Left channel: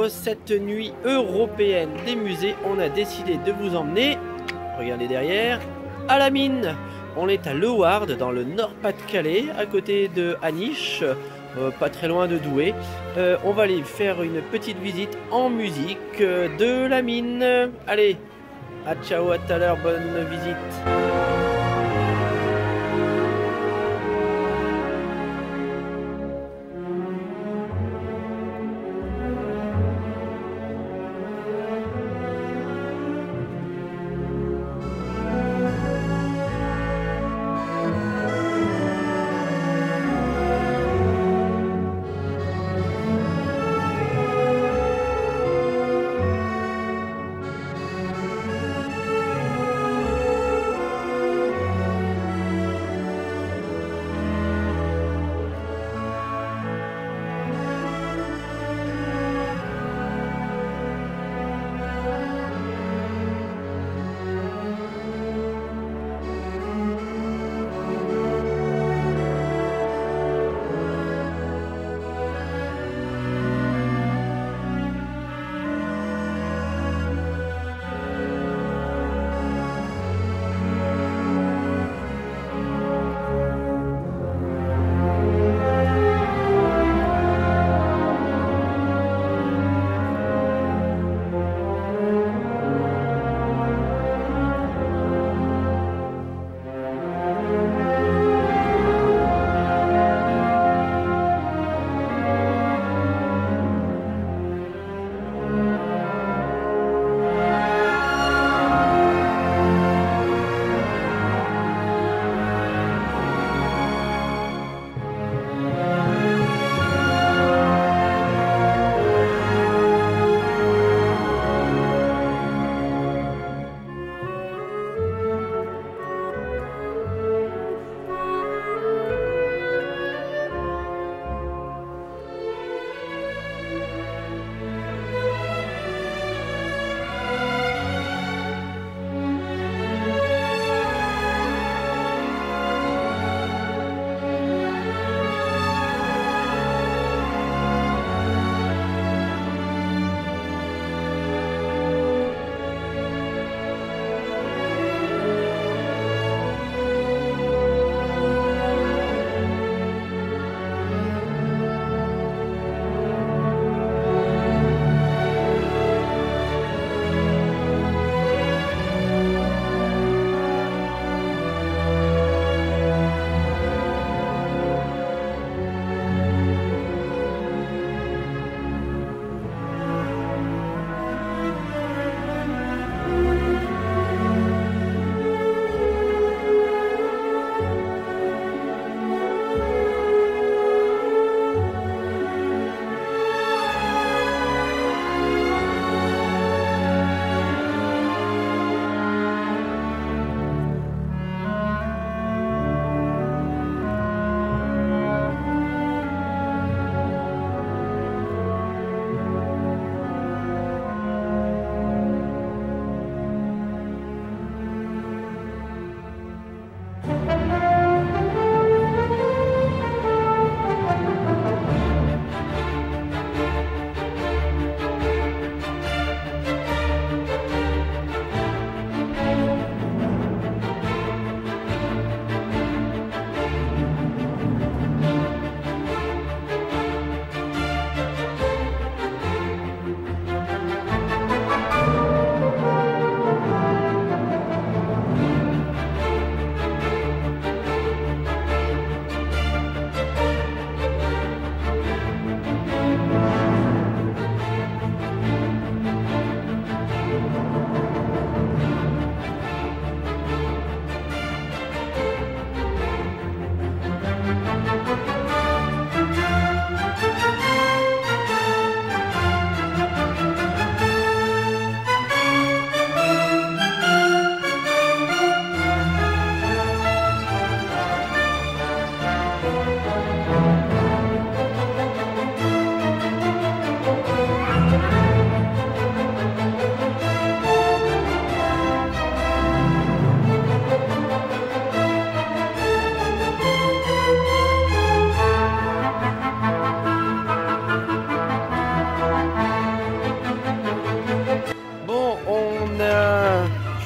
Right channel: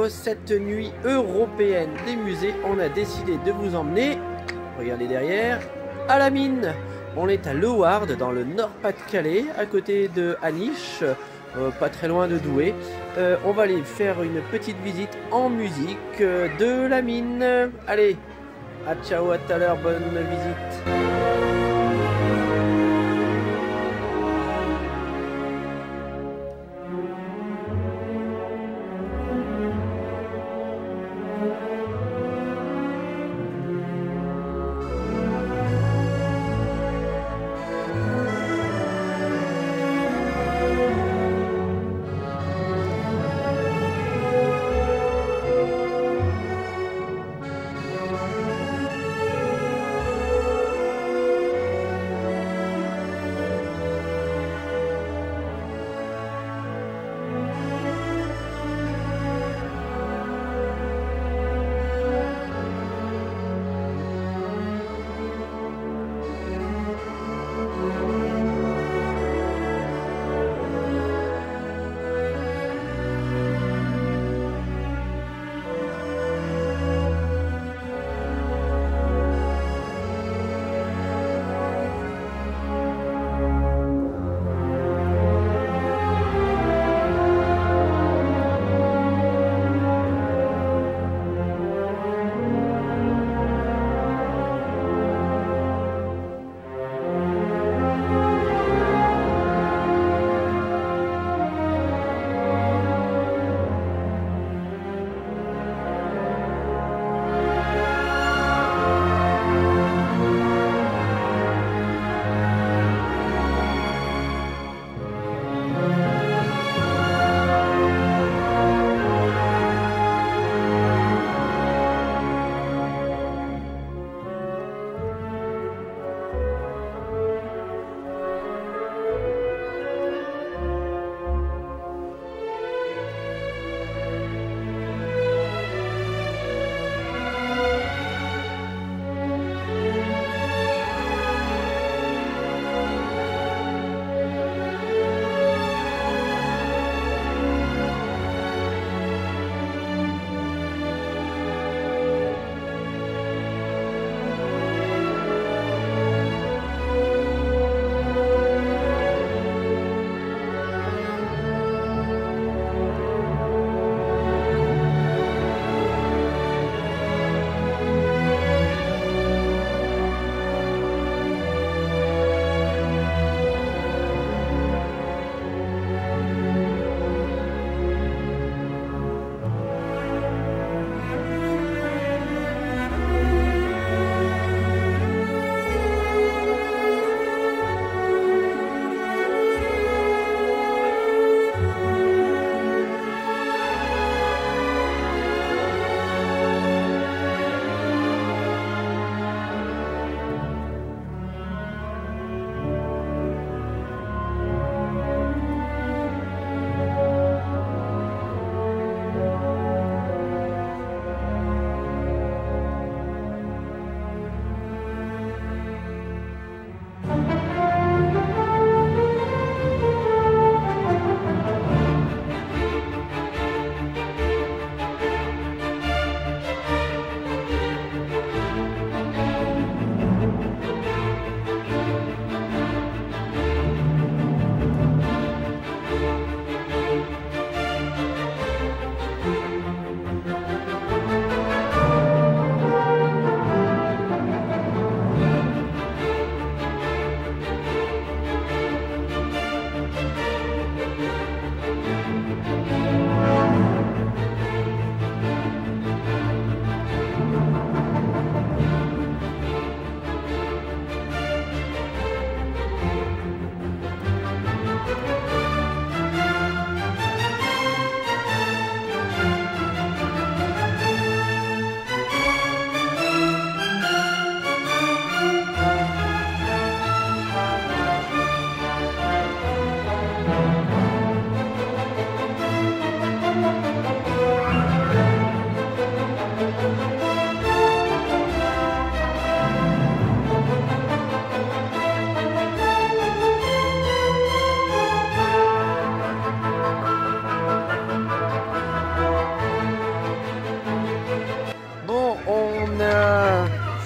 pour cette nuit européenne des musées, on a décidé de vous emmener, regardez derrière, à la mine. On est à Leeuwarden, dans le Nord-Pas-de-Calais, à côté de Aniche, pas très loin de Douai. On va aller faire une petite visite en musique de la mine. Allez, à ciao, à tout à l'heure, bonne visite.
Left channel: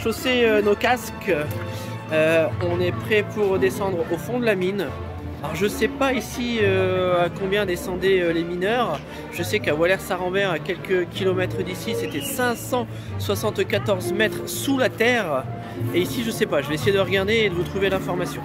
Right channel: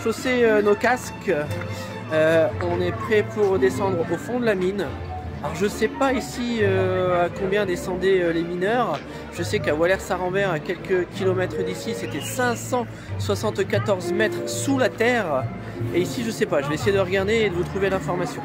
chaussé nos casques. On est prêt pour descendre au fond de la mine. Alors je sais pas ici à combien descendaient les mineurs. Je sais qu'à Wallers-Saint-Rambert, à quelques kilomètres d'ici, c'était 574 mètres sous la terre. Et ici je sais pas, je vais essayer de regarder et de vous trouver l'information.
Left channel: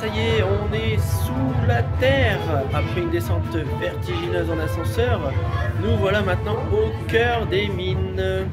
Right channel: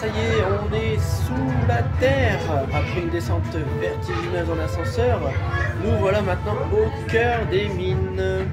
Ça y est, on est sous la terre après une descente vertigineuse en ascenseur. Nous voilà maintenant au cœur des mines.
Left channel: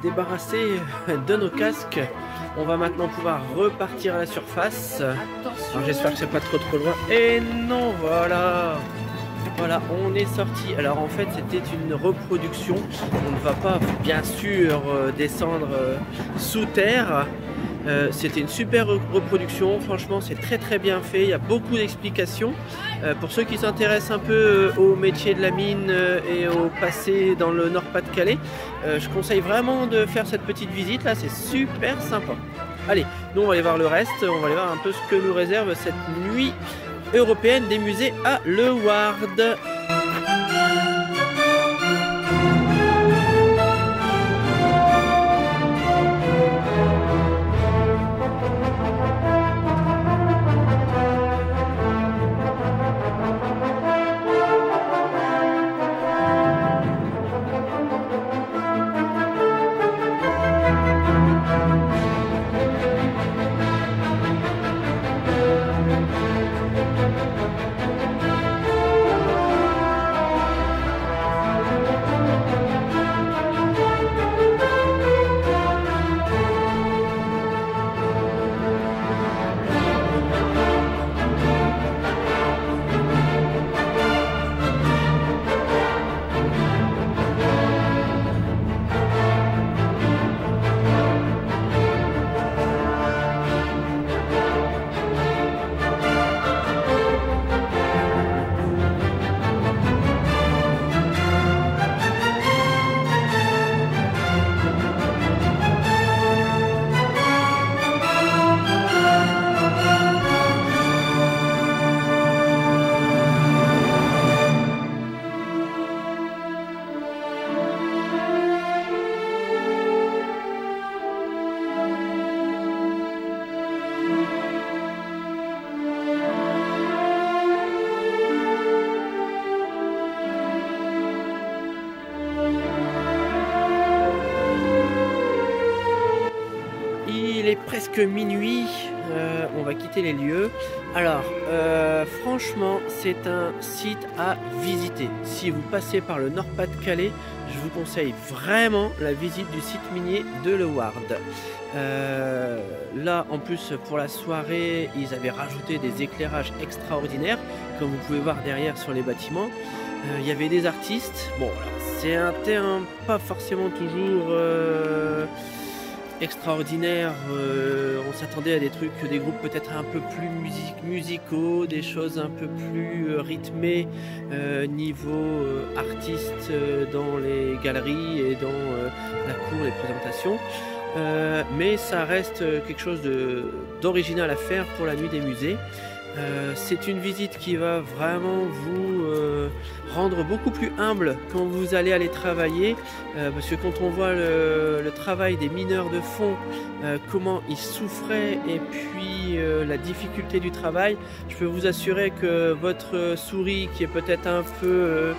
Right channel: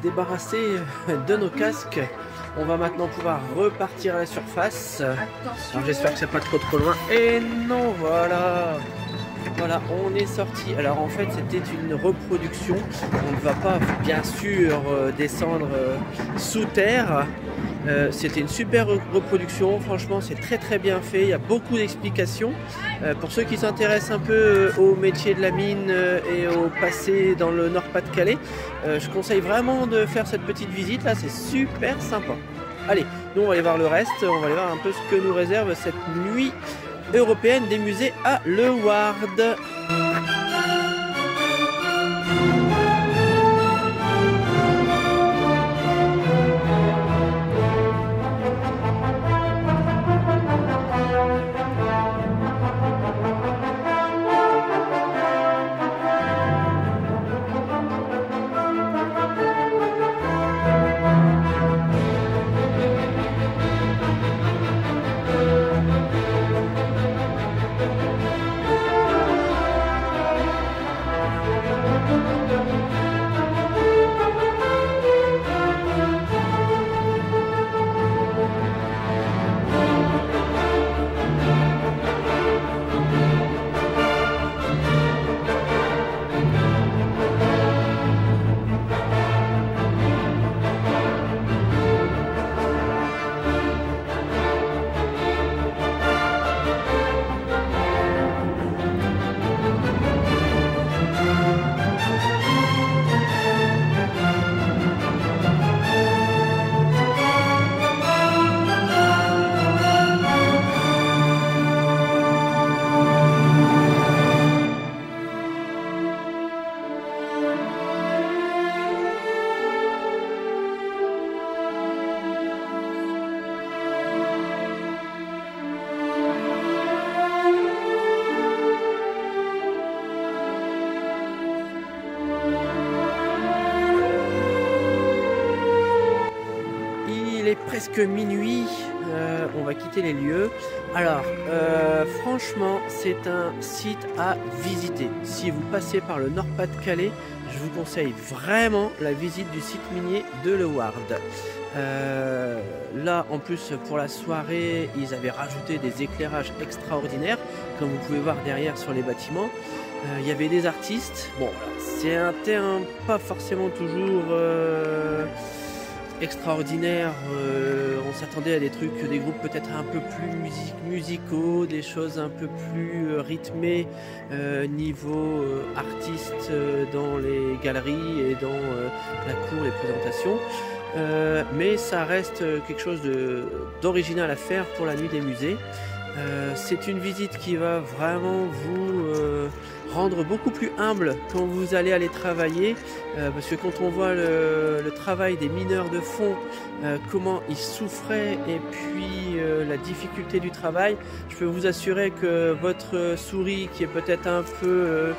Débarrassé de nos casques, on va maintenant pouvoir repartir à la surface. Alors j'espère que c'est pas trop loin. Et non, voilà, on est sorti. Alors en fait c'était une reproduction. On ne va pas bien sûr descendre sous terre. C'était une super reproduction, franchement c'est très bien fait, il y a beaucoup d'explications. Pour ceux qui s'intéressent un peu au métier de la mine et au passé dans le Nord-Pas-de-Calais, je conseille vraiment de faire cette petite visite là, c'est super sympa. Allez, nous on va aller voir le reste, on va aller voir un peu ce que nous réserve cette nuit européenne des musées à Leeuwarden. presque minuit, on va quitter les lieux. Alors, franchement, c'est un site à visiter. Si vous passez par le Nord-Pas-de-Calais, je vous conseille vraiment la visite du site minier de Leeuwarden. Là, en plus, pour la soirée, ils avaient rajouté des éclairages extraordinaires, comme vous pouvez voir derrière sur les bâtiments. Il y avait des artistes. Bon, alors, c'est un terrain pas forcément toujours extraordinaire. On s'attendait à des trucs, des groupes peut-être un peu plus musicaux, des choses un peu plus rythmées niveau artistes dans les galeries et dans la cour, les présentations. Mais ça reste quelque chose d'original à faire pour la nuit des musées. C'est une visite qui va vraiment vous rendre beaucoup plus humble quand vous allez aller travailler, parce que quand on voit le travail des mineurs de fond, comment ils souffraient et puis la difficulté du travail, je peux vous assurer que votre souris qui est peut-être un peu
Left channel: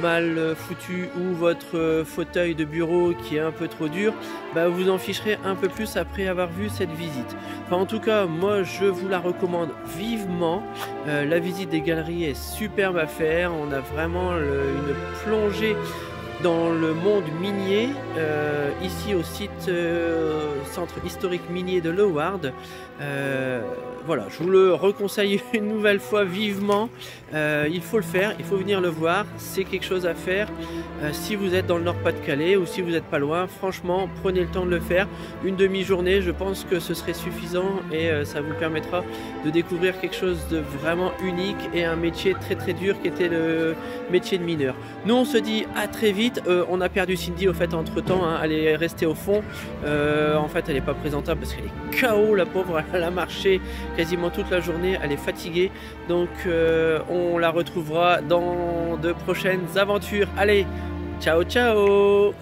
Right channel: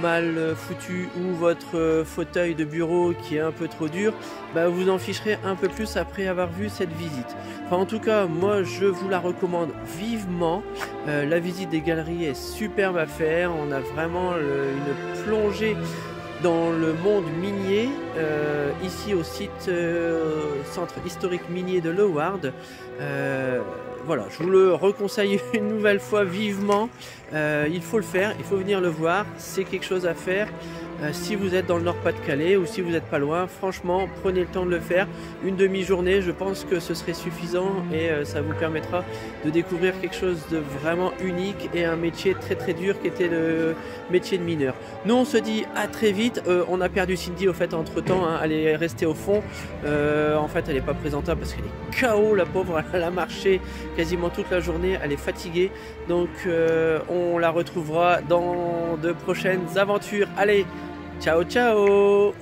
mal foutu ou votre fauteuil de bureau qui est un peu trop dur, bah vous en ficherez un peu plus après avoir vu cette visite. Enfin, en tout cas, moi je vous la recommande vivement. La visite des galeries est superbe à faire. On a vraiment une plongée dans le monde minier ici au site centre historique minier de Leeuwarden. Voilà, je vous le reconseille une nouvelle fois vivement. Il faut le faire, il faut venir le voir, c'est quelque chose à faire. Si vous êtes dans le Nord-Pas-de-Calais ou si vous n'êtes pas loin, franchement, prenez le temps de le faire. Une demi-journée, je pense que ce serait suffisant et ça vous permettra de découvrir quelque chose de vraiment unique et un métier très très dur qui était le métier de mineur. Nous, on se dit à très vite. On a perdu Cindy au fait entre temps, hein, elle est restée au fond. En fait, elle n'est pas présentable parce qu'elle est KO, la pauvre. Elle a marché quasiment toute la journée, elle est fatiguée. Donc, on la retrouvera dans de prochaines aventures. Allez, ciao ciao!